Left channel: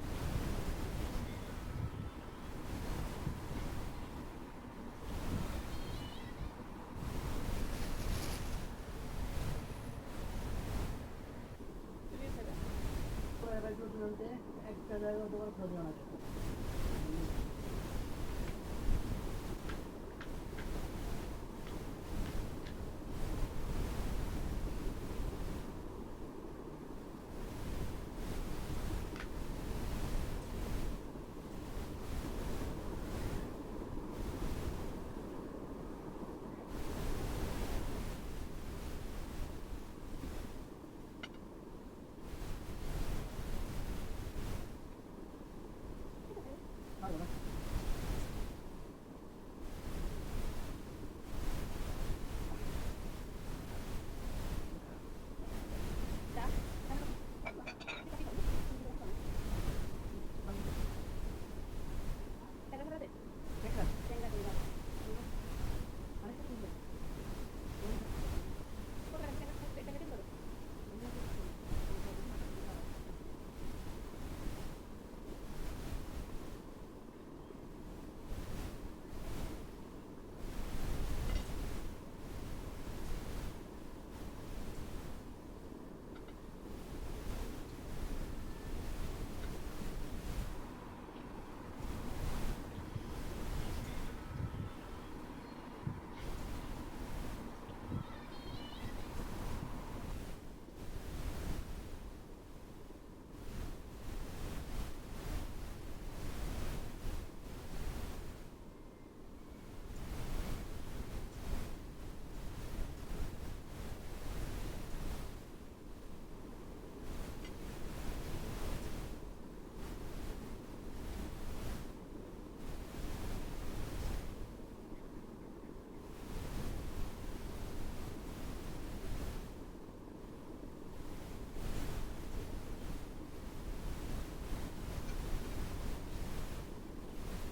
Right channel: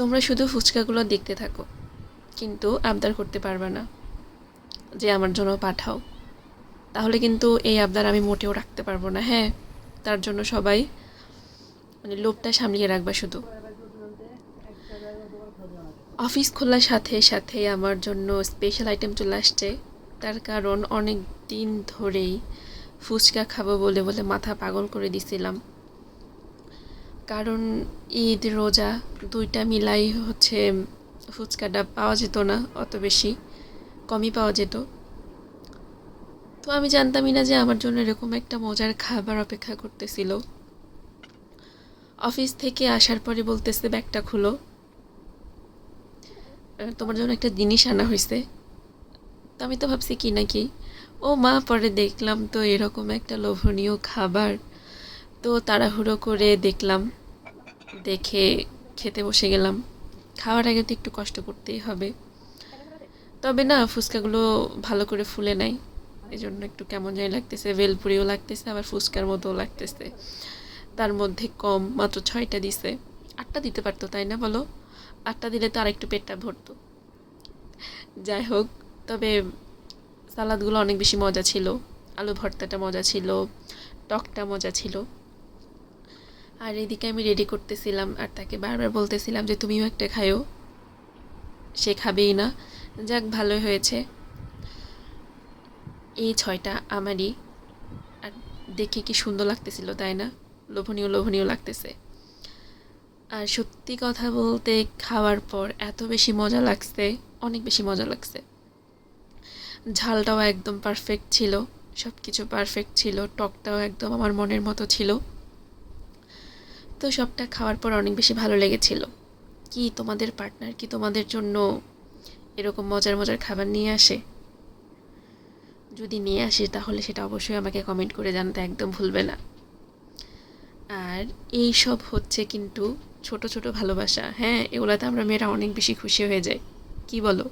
তোমরা শুধু ফুচকাগুলো দেখতে থাকো, কিন্তু আবদার করতে পারবে না যে আমার জন্য পাঠাও। তাহলে কিন্তু এই আবদার আমি মোটেও রাখতে পারবো না। হ্যাঁ, তার জন্য সবাই মানে লোভটা সামলিয়ে রাখবা শুধু। অফিস খোলার সাথে সাথে আমার জন্য স্পেশাল আইটেম চলে আসছে। তার কারণ অনেক দিন ধরেই ফুচকা খাবো বলে বলে মাথা পাগল করে দিছিলাম। কারণ ঈদ রোজা দুইটা মিলাই হচ্ছে ফুচকাটা পাওয়া যেত না অত বেশি, কমই পাওয়া যেত। তো আমি জানতামই না যে আমার জন্য এরকম একটা মজার খাবার অপেক্ষা করতেছিল। অফিস থেকে আসার পরে বলতেছে ব্যাগটা খুলো, তোমার জন্য একটা জিনিস আনা হয়েছে। তো আমি তো ভাবছি কি নাকি, ও মা, পরে দেখলাম তো এরকম একটা লোভনীয় খাবার। তো তাড়াহুড়ো করে দেখলাম, দেখে খেতে বসে গেলাম। খাওয়ার আগে তো একটু কষ্ট করতেই হবে। তবে না, ফুচকাগুলো ভালো করে ফুলে নাই, এই জন্য একটু কেমন জানি লাগতেছে। ভেলপুরিও লাগতেছে, আবার ফুচকার মতোও লাগতেছে। তার মধ্যে কম, মাত্র 6টা দিছে। 8টা দিতে পারতো, তাই না বলো? 8টা দিলে তো আরেকটু পেটটা ভরতো। যাই হোক, তবে সালাদগুলো অনেক বেশি মজা ছিল। আলু ভর্তাটা মজা ছিল, টকটা মজা ছিল। আর এদিকে আমি রেডি করতেছিলাম আর তাকে বারবার বলতেছিলাম যে তুমিও একটা খায়ো, সে খাবেই না। যাক, ভালোই হয়েছে। এই 6টা আমারই। আর দেখে কি সুন্দর লাগতেছিল, তাই না? লোভনীয় লোভনীয় লাগতেছে। আর সত্যি কথা বলতে, খাওয়ার পর এত বেশি মজা লাগছে, অনেক বেশি মজা লাগছে। ঝালটাও একদম পারফেক্ট ছিল, সব কিছু পারফেক্ট ছিল, টকটাও একদম আমার মনের মতো ছিল। তো সবটা খাওয়ার পর অনেক বেশি ভালো লেগেছিল। কি তোমাদের পার্টনার কি তোমাদের জন্য এরকম মজার মজার খাবার নিয়ে আসে? যদি নিয়ে আসে তাহলে সেটা অবশ্যই আমাকে কমেন্ট করে জানাতে একদম ভুলবে না। আর এই সব হচ্ছে কিন্তু ছোট ছোট ভালোবাসা। হ্যাঁ, এগুলাতে আমরা মেয়েরা অনেক বেশি খুশি হয়ে যাই। কি বলো?